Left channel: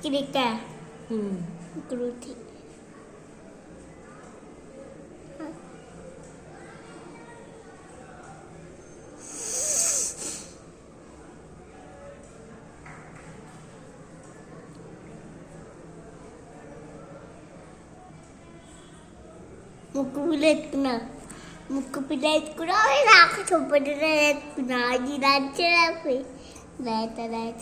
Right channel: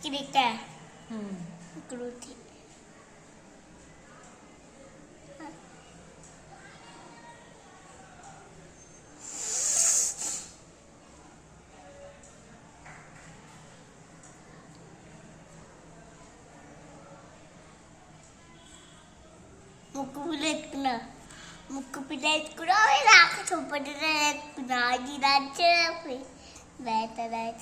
కిరిక కృతి ముక్కు పిల్ల ఎత్తుకున్నా ముక్కు పిల్ల ఎత్తుకున్నా నాకు చుప్పటి ఎత్తుకున్నా అది నచ్చపోయి లేత లేత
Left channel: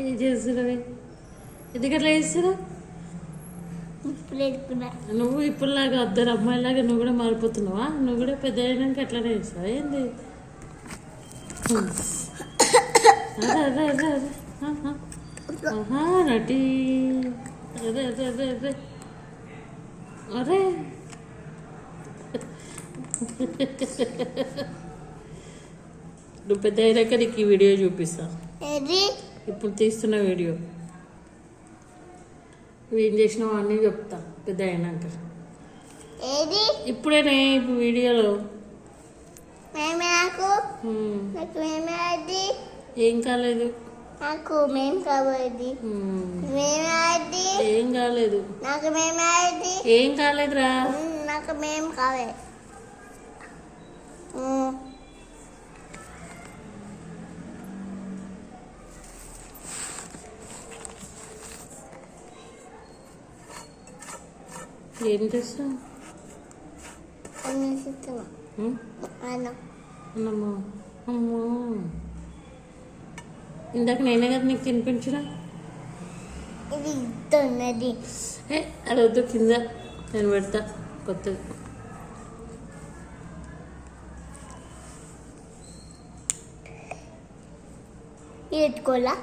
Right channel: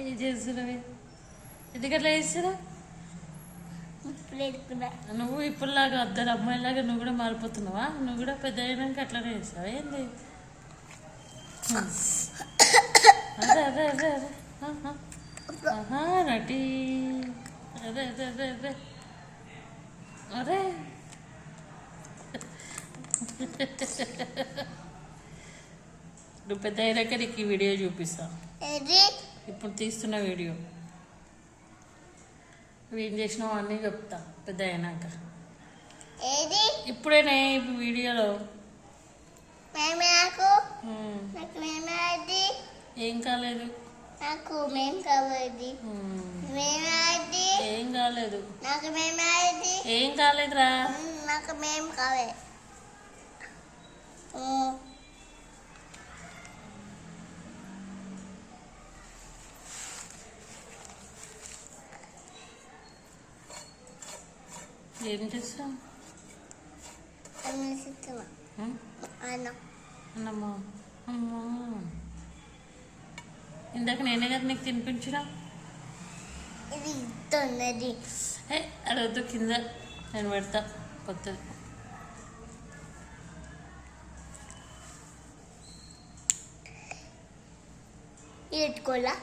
ఏం చేస్తున్నావే ఎందుకట్లా చేస్తున్నావు? నువ్వు ఇప్పుడులాగా అద్దరు అమ్మాయిలాగా నువ్వు కూడా మారిపోతున్నావా? నువ్వు కూడా పెద్ద అయ్యాక అట్లానే చేస్తావా ఏంది? అదే అదే అదే అదే నటి అదే అదే అదే అదే అరే నువ్వు పెద్ద అయ్యాక నీకు ఈ వీడియో చూపిస్తా. ఇప్పుడు తీస్తున్న వీడియో నువ్వు ఏం చేసినావు అన్నీ చెప్తా పెద్ద అయినాక. ఇప్పుడేనే వీడియోలో ఏం కాలేదు నాకు మేం కావాలి ఏం కాలేదు నాకు మేం ఏం కాలేదురా నాకు మేం కావాలి. ఏం చేస్తావు? అన్నమ్మా అమ్మా ఇందాక నేనే కదా నీకు తినిపించిన. అది వద్దు కింద నేను పెడతా కొత్తది. పెట్టుకోవాలా